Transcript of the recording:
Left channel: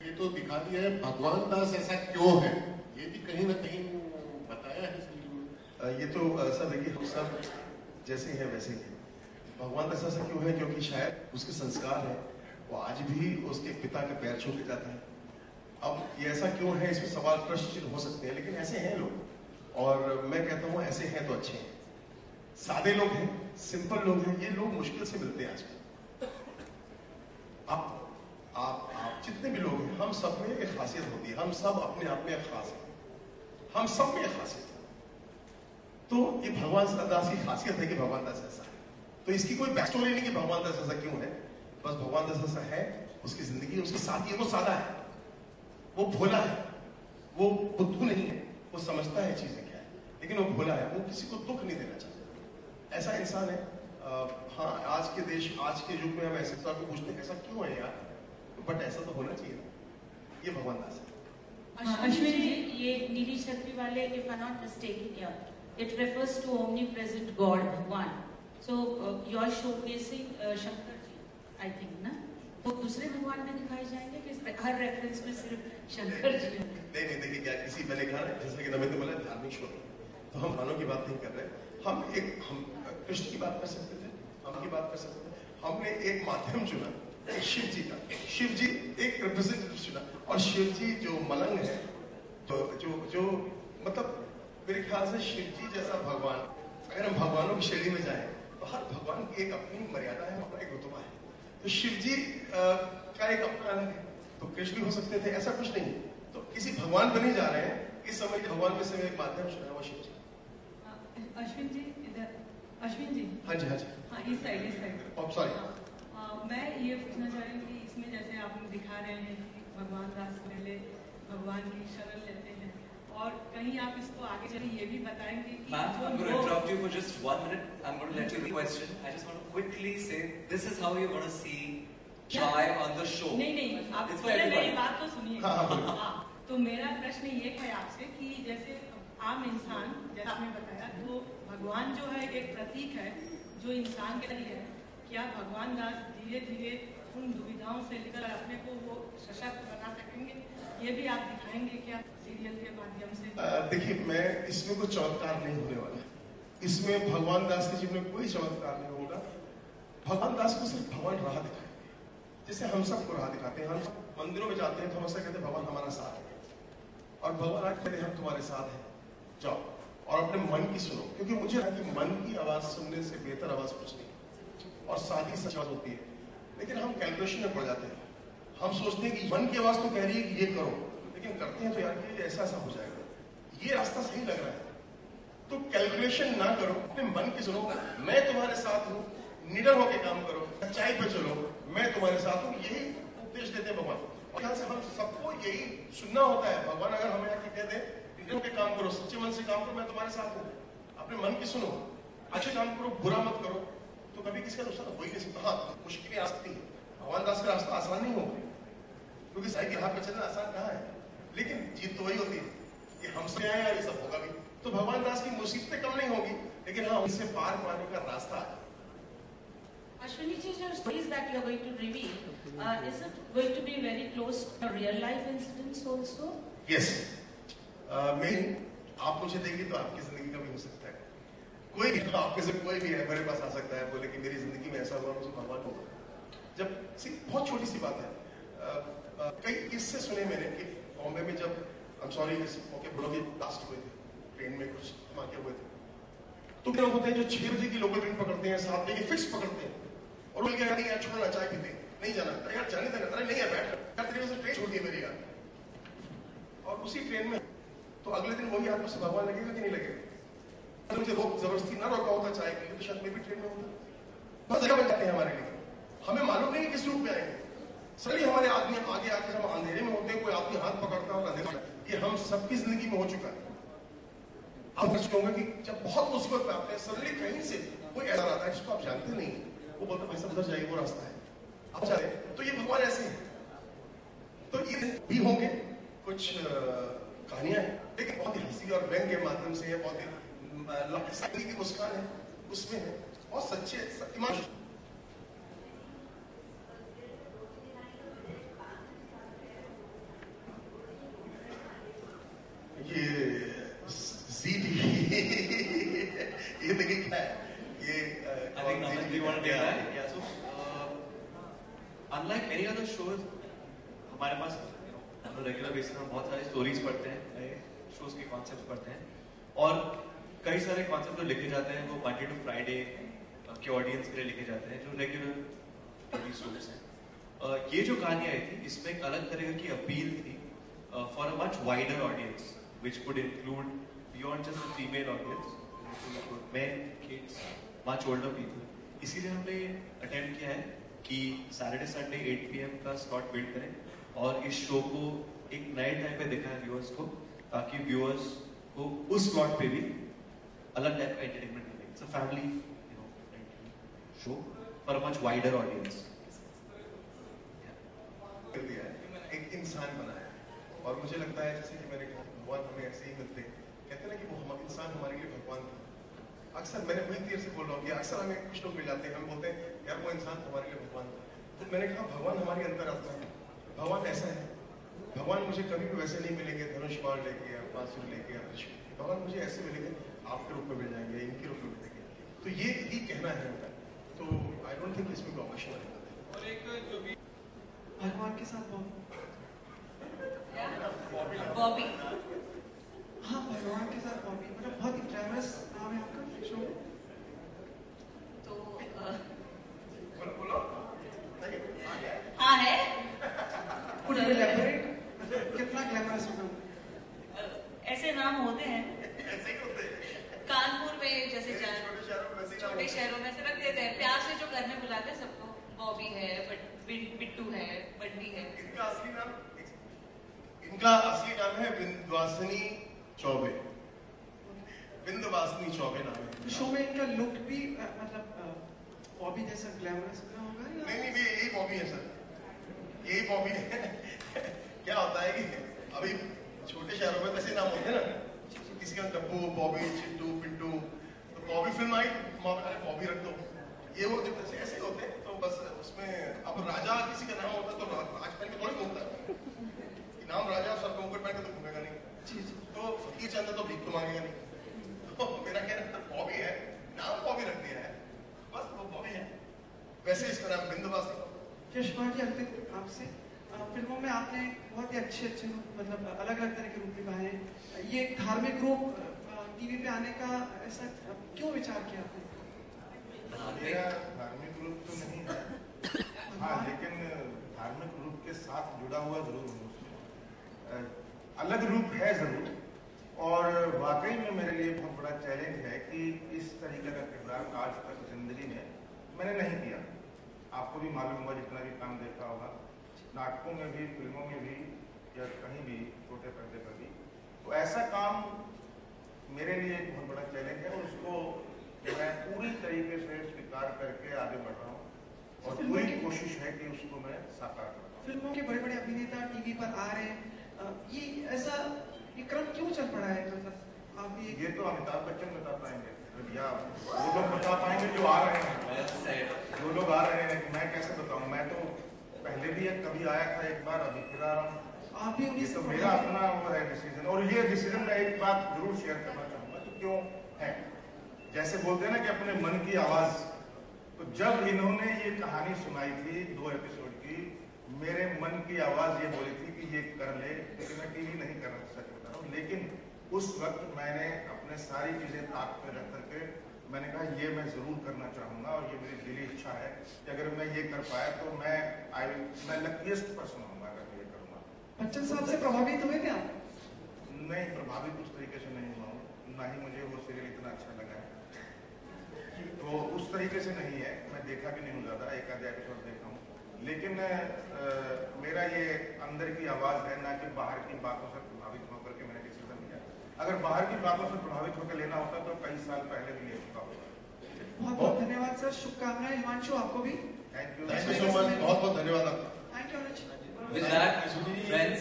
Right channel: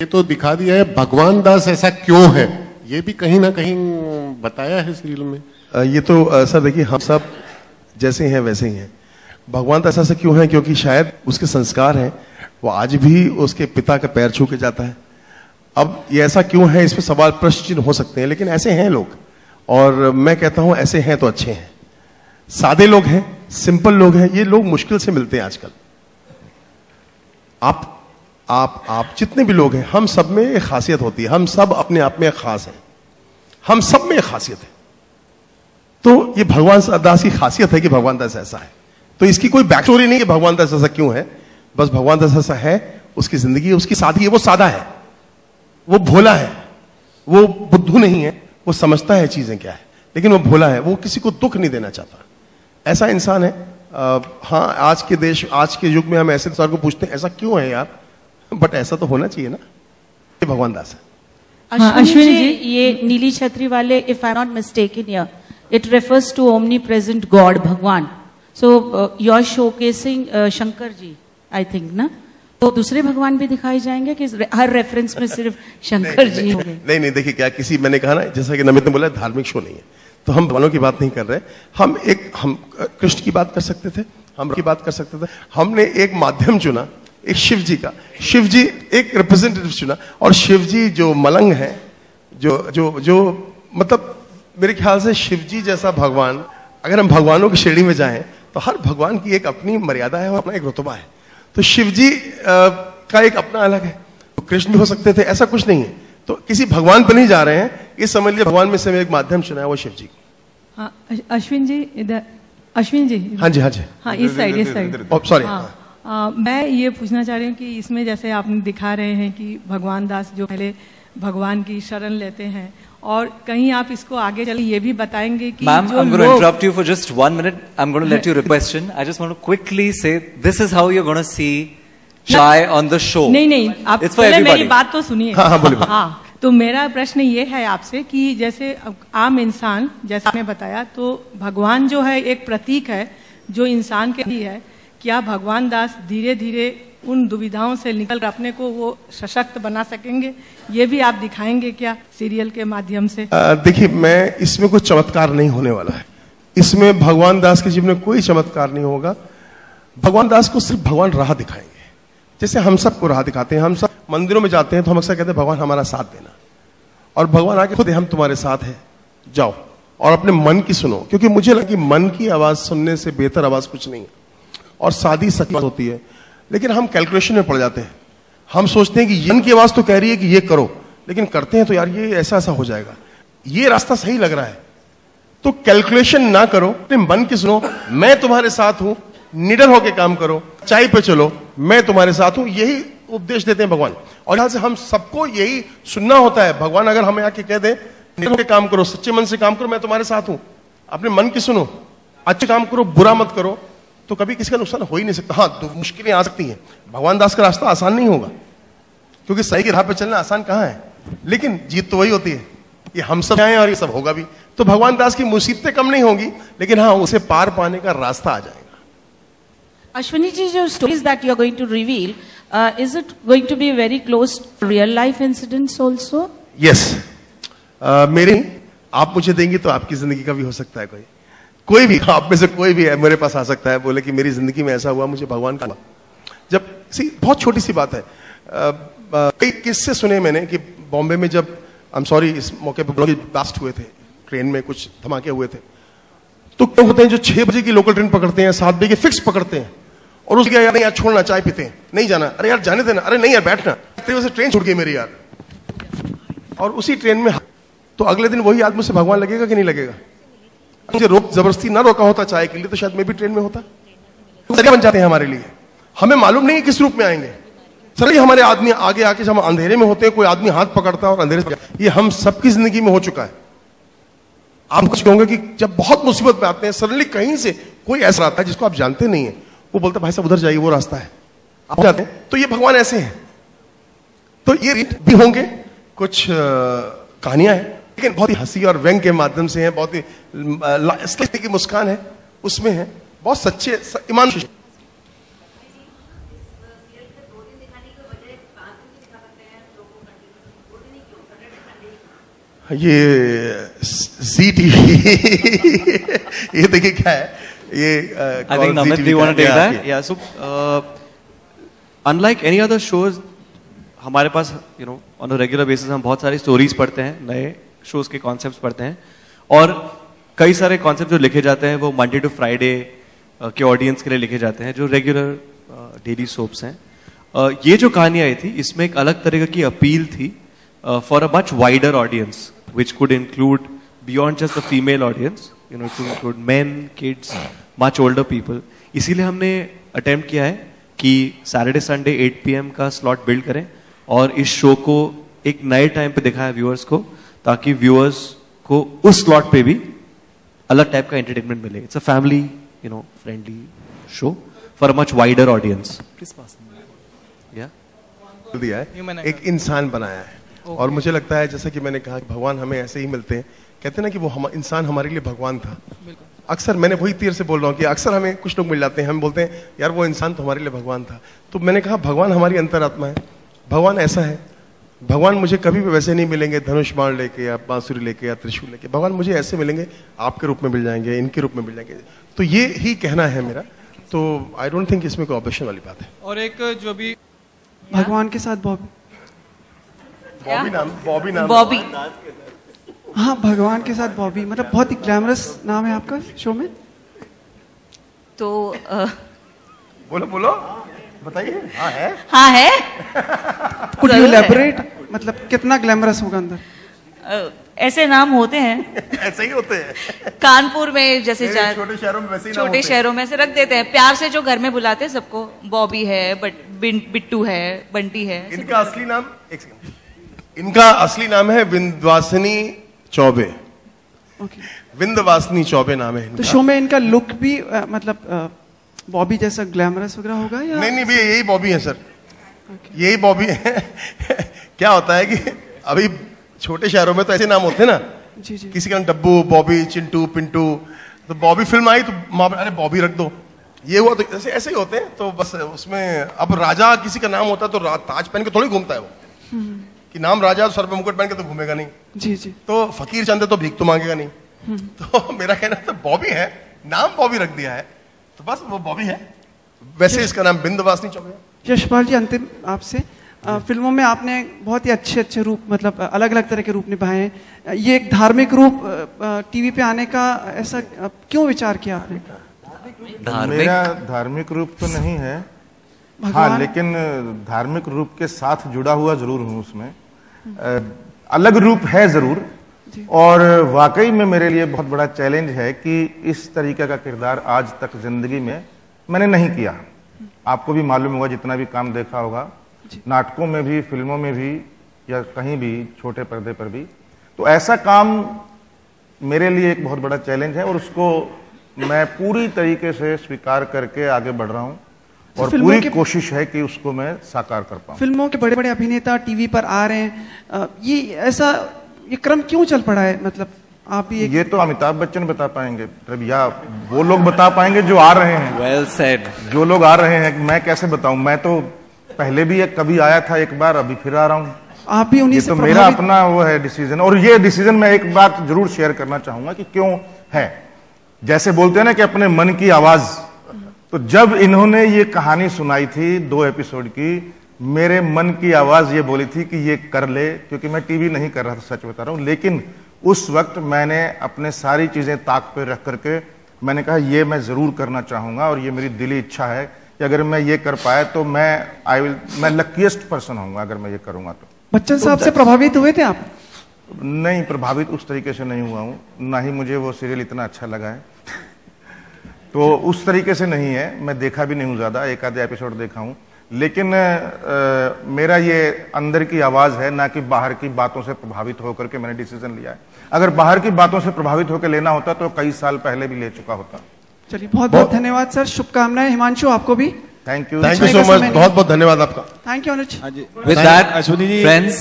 ये तो दिखा दिया है, भगवान दास ऐसा क्यों है ये भी कहीं ना कहीं बताया है सीरियल में। ये तो सर देखिए, हम सब जैसे हैं वैसे ही हैं। भगवान दास ऐसा क्यों है? क्योंकि शायद उसके संस्कार हैं, वो आज भी उसके पिता का पैर छू के जाता है। अब ये ऐसा क्यों है, इस पर सवाल प्रश्न चिन्ह हो सकते हैं, लेकिन ऐसे हैं लोग। और मैं कहता हूं ऐसे हैं तो अच्छे हैं, सादे लोग हैं, सिंपल लोग हैं। ये लोग मुश्किल से मिलते हैं आजकल। आप जितने भी लोग हैं, हम सब में एक खासियत होती है। हम सब अपने आप में खास हैं, हम सब में एक खासियत है। तो ये भगवान दास की खासियत है कि भगवान दास ऐसा है। तो इसकी कोई बैक स्टोरी नहीं कि भगवान दास ऐसा क्यों है, बस भगवान दास ऐसा है। उसकी जिंदगी, उसकी सादगी है, वो सादा है, वो भोला है, वो बुद्धू नहीं है, वो समझता है चीजें क्या है, लेकिन वो भोला है, वो किसी को दुख नहीं देना चाहता। ऐसा इंसान है। हाँ, आज के देश, आज के युग में हम ऐसे इंसान को पूछते हैं ऐसा क्यों है यार, बट ऐसा तो होना चाहिए ना। ये भगवान दास है। अश्विनी जी, ये नीली छतरी वाले, if I not mistaken here, it refers to omnipresent god, भगवान। So you are showcasing Shankar ji, I think ना? तो दूसरे भगवान भी दिखाए जाएंगे कि हर रेफरेंस में सिर्फ शंकर जी होंगे? नहीं, देखिए क्या, किसी, मैंने कहा ना, जैसा कि नमित ने बोला, धार्मिक शो नहीं है, तो हम भगवानों की बात नहीं कर रहे। हम कृष्ण की बात कर सकते थे, हम की बात कर सकते थे। हमने एक माध्यम चुना, एक शिव जी का, शिव जी एक रिप्रेजेंटेटिव चुना। और शिव जी जो मलंग है, जो मतलब मेरे ख्याल से शिव जी जैसा भगवान, अगर हम भगवानों की श्रेणी में जाएं तो हर भगवान की एक अपनी मर्यादा है और अपना एक रुतबा है। तो शिव जी का एक अपना अलग है, तो कृष्ण भी हो सकते थे, ऐसा कुछ नहीं है। तो किसी भगवान पर नहीं जा रहे हैं, ये समझ लिया भगवान में से एक माध्यम चुना है, वो शिव जी। हाँ, अश्विन जी इधर, अश्विन जी। हाँ जी, हाँ, इस साइड। सॉरी। मैं ये पूछना चाह रही हूँ कि इसमें जैसे आपने दिखा रहे हैं कि भगवान दास जो पहले भगवान की शरण लेते हैं, और कहीं आप इसको आगे चले ये भी बताएंगे कि Ma'am, I'm going to interrupt you for just 1 minute. I'm going to let you question. I just want to quickly say this is how you're going to see Chai on the show. नहीं, आप पहले मेरी बात तो सुनिए। हाँ, बोलिए। हाँ, तो मेरा प्रश्न ये है आपसे कि जैसे आम इंसान, जैसा आपने बताया, तो भगवान जो है एक प्रतीक है जो इंसान के लिए है। क्या भगवान दास धीरे धीरे उन दुविधाओं से निकल अपने को वो सशक्त बना सकेंगे? ये भी आप दिखाएंगे क्या सीरियल के माध्यम से? देखिए, मैं इसमें कोई चमत्कार नहीं होने वाला है। इसमें भगवान दास के जीवन में कोई चमत्कार नहीं होगा। भगवान दास को सिर्फ भगवान राह दिखाएंगे, जैसे हम सबको राह दिखाते हैं। हम सब मंदिरों में जाते हैं तो हम अक्सर कहते हैं भगवान हमारा साथ देना, और भगवान आके खुद हम तुम्हारे साथ हैं, जाओ और अपने मन की सुनो। क्योंकि मुझे लगा कि मन की आवाज सुनने से बेहतर आवाज कुछ नहीं है, और सादी सच्ची होती है। लेकिन हम कैलकुलेशन में पड़ जाते हैं। हम सोचते हैं कि मन की आवाज तो कह रही है कि ये करो, लेकिन करते हैं तो यार ये ऐसा ऐसा हो जाएगा, ये रास्ता सही लग रहा है। तो कैलकुलेशन ना करो, अपने मन की सुनो। मैं तुम्हारे साथ हूं, निडर होकर काम करो, चाय पे चलो, मैं तुम्हारे साथ हूं, यही उपदेश देते हैं भगवान। और यहां से हम सबको यही सुनना होता है। भगवान अगर हमें आके कह दे निडर होकर काम करो, सच्चे मन से काम करो, मैं तुम्हारे साथ हूं, अपने मन की सुनो, अच्छे काम करो, बुरा मत करो, तो कभी किसी का नुकसान हो ही नहीं सकता। हाँ, तो मुश्किलें आ सकती हैं। भगवान दास का रास्ता आसान नहीं होगा, क्योंकि सही की राह पे चलना आसान कहां है, लेकिन जीत तो वही होती है। ये हम सब आए और ये सब होगा भी। तो भगवान दास की मुसीबतें कम नहीं होंगी, लेकिन हाँ, उसे पार पाने का रास्ता आ जाएगा। अश्विनी जी, जो stories that you are going to reveal, is it going to be very close to real life incidents also? Yes, मेरे, आप मुझे देंगी तो आपकी जिंदगी का भी हो सकता है। कोई भी आप में से कोई भी है मेरे पास आ सकता है, बोले कि मेरी जिंदगी में ऐसा हुआ, मुझे भगवान का। जब बहुत छोटी सी बात है, कई किस्से सुने मैंने कि बॉम्बे में जब, आई एम सॉरी इस मौके पर, ब्लास्ट हुए थे, ट्रेन में कुछ धमाके हुए थे, तो क्या होते हैं जो 6 बजे की लोकल ट्रेन पकड़ते हैं, 7 बजे की फिक्स पकड़ते हैं, और उसके यार नहीं यार छोड़ना, चाय पीते हैं, नहीं जाना, अरे यार जाने देना, अरे नहीं यार बैठना, वजह से ट्रेन छूट गई मेरी यार। और उसी ट्रेन में तो अगले दिन वही आदमी से भगवान लगेगा कि नहीं लगेगा? मुझे जबरदस्ती ना रोका होता चाय के लिए, तो शायद मैं भी ट्रेन में होता। तो बन जाते हैं हमारे लिए, हमें मालूम नहीं किस रूप में आएंगे। चलिए, हमारे आदमी आगे आके, जब हम अंधेरे में होते हैं, कोई आदमी हाथ पकड़ता है और अंधेरे से, ये हम सबकी जिंदगी में हो चुका है। आप कुछ कहोगे कि जब बहुत मुसीबत में आते हैं, सडनली कहीं से कोई ऐसा आता है जिसको आप जानते नहीं है, वो बोलता भाई साहब उधर जाइए, वो रास्ता है, आप जाते हैं। तो ये भगवान ऐसे हैं। तो ये भी होंगे, कुछ कहानियां हैं, लेकिन बहुत ही हंसी और व्यंग के माध्यम से है, बहुत ही की मुस्कान है उसमें है, बहुत सच्चे ईमान। ये जी टीवी ये देखिए क्या है ये I think Namit, do you want to take that? Yeah, so unlike any other shows, हमारे पास on a regular basis हम बहुत सारी stories पढ़ते हैं, नए shows के concepts पढ़ते हैं, और कई सारे concepts जो लिखे जाते हैं वो Monday to Friday के audience के लिए लिखे जाते हैं, जो regular daily soaps हैं. ये जो कहानी आई थी, इसमें एक अलग तरह की अपील थी for a much wider audience, which could include beyond just the female audience, it could include men, kids, much older people. इसीलिए हमने attempt किया है कि Saturday Sunday 8 PM का slot build करें और इस show को एक नए time पे दिखाएं viewers को, ताकि viewers को उस slot पे भी अलग type का entertainment मिले. It's a family, friendly show for a much wider audience. Please pass. दिया है, एक इंसान बनाया है, और मुझे लगता है जैसा कि मैंने कहा कि भगवान हमें ऐसे ही मिलते हैं. कहते हैं ना कि वो इंसान हमारे लिए भगवान था. अक्सर मैंने वही तीर से बोल रहा हूँ कि अक्सर हमें कुछ लोग मिल जाते हैं, हम बोलते हैं यार वो इंसान तो हमारे लिए भगवान था. तो मैंने कहा भगवान हमारी अंतरात्मा है, भगवान ऐसा है. भगवान मुझे कभी भी वैसे नहीं मिलेंगे धनुष बाण लेके या बांसुरी लेके या त्रिशूल लेके. भगवान मुझे ऐसे मिलेंगे, आपके रूप में मिल जाएंगे, इनके रूप में मिल जाएंगे. तो ये ही कहना है मेरा. तो आई डोंट थिंक इसमें कोई ऑब्जेक्शन वाली बात है. और एक जो भी भगवान के साथ बॉबी नाम बॉबी. हाँ, भगवान के साथ बॉबी, मतलब बहुत ही ग्लैमरस नाम है आपका शो में. तो बोलो बताइए. हाँ है. कुड यू इलैबोरेट, मतलब कितना ग्लैमरस होगा अंदर? ऐसे नाम होते हैं. ऐसे ही होते हैं कानपुर में जैसे छोटे शहरों में वैसे ही छोटे शहरों में से रख देते हैं प्यार से, जो घर में बुलाते हैं सबको. बॉबी है, बिट्टू है, बंटी है. इनका असली नाम इनका असली नाम है विंध्यवासिनी चौबे. विंध्यवासिनी चौबे नाम है इनका. तो शो में इनका लुक भी मतलब बॉबी जैसा ग्लैमरस वगैरह होगा या? नहीं भैया, यही बॉबी है सर. यही बॉबी है. क्या होता है कि अभी छोटे शहरों में तो ऐसे नाम होते हैं ना. जी जी. किसी का नाम डब्बू, बॉबी, चिंटू, पिंटू. तो बॉबी फिल्म आई तो अरे बॉबी रख दो, ये हुआ. तो ऐसे ही होते हैं. तो बस उसमें अब राजा किसी का नाम होता है तो ताज पहन के थोड़ी घूमता है वो, कि नाम राजा, सर पे मुकुट पहन के तो घूमेगा नहीं. जी जी. तो फकीर चंद है तो भीख तो मांगेगा नहीं. तो मेरा कहना था बॉबी है, नाम बॉबी रख दिया है तो बस वो बॉबी है. वैसे इसका नाम विंध्यवासिनी चौबे. यशपाल जी, अंतिम आपसे, फिल्मों में आपने बहुत ही अच्छे रूप, मतलब अलग अलग तरह के रूप निभाए हैं. ये एक धार्मिक रूप टीवी पे आने का ऐसा क्यों विचार किया आपने? मेरा धार्मिक रूप तो नहीं है, हाँ, लेकिन धार्मिक रूप के साथ जुड़ा हुआ जरूर हूँ उसमें. अलग रूप है जरूर, और वाकई में मेरे लिए बहुत बड़ा चैलेंज है कि इस तरीके का किरदार आज तक जिंदगी में मैंने नहीं किया. आपको भी मालूम होगा, जितना भी काम देखा होगा, नाटकों में भी, फिल्मों में भी, या कहीं भी छोटे पर्दे पर भी. तो ऐसा काम मेरे लिए एक बहुत बड़ा चैलेंज है, और उसको मैं पूरी तरीके से स्वीकार करके आगे बढ़ रहा हूँ, और पूरी कोशिश है कि उसको मैं साकार कर पाऊँ. फिल्मों के बड़े बड़े अभिनेता टीवी पर आ रहे हैं, ये क्रम क्यों चल पड़ा है? मतलब आप ये तो अमिताभ बच्चन बता पाएंगे, या वो लोग बता पाएंगे जो आ रहे हैं. Well said. जो लोग आ रहे हैं, मैं कैसे बताऊं? मैं तो पहले भी कभी आया था एक बार, अभी फिर आ रहा हूं. आप भी उन्हीं से तो मेरा अपना वो है डिसीजन. और ये डिसीजन मैं एक बात जरूर शेयर करना चाहूंगा कि क्यों है. जैसे बोलते हैं ना कि अपने मन की आवाज, तो जब इन्होंने ये कहानी सुनाई थी 2 एपिसोड की, मेरे मन की आवाज ये बोली थी कि ये कर ले, क्योंकि मैं टीवी नहीं कर रहा था, सच बता रहा हूं. लेकिन उस वक्त मैंने अपने सारी चीजें ताक पे रख करके मैंने कहा ये मैं जरूर करना चाहूंगा, और ये मेरी दिली इच्छा है कि अगर मैं ये कर पाया तो मैं लकीएस्ट पर्सन होऊंगा अगर मैं ये करूंगा. तो बच्चन साहब से प्रभावित हुए थे आप? नहीं, प्रभावित उस तरीके से नहीं हुआ हूं, ना ही मुझे वो सीरियल इतना अच्छा लगा है. तो उस तरीके से नहीं है. मैं देखा भी नहीं हूं ज्यादा, एक आधे एपिसोड देखा हूं. लेकिन मेरा ये अंदर की आवाज है, ना कि बाहर की बातों से प्रभावित होकर के मैंने डिसीजन लिया है. अगर बाहर की बातों से प्रभावित होकर लेना होता तो कई साल पहले भी ले चुका होता. चलिए, बहुत बहुत धन्यवाद सर. शुभकामनाएं. हिमांशु, आपको भी थैंक यू सो मच. बहुत बहुत धन्यवाद आपका. Thank you Anuj. With that, friends,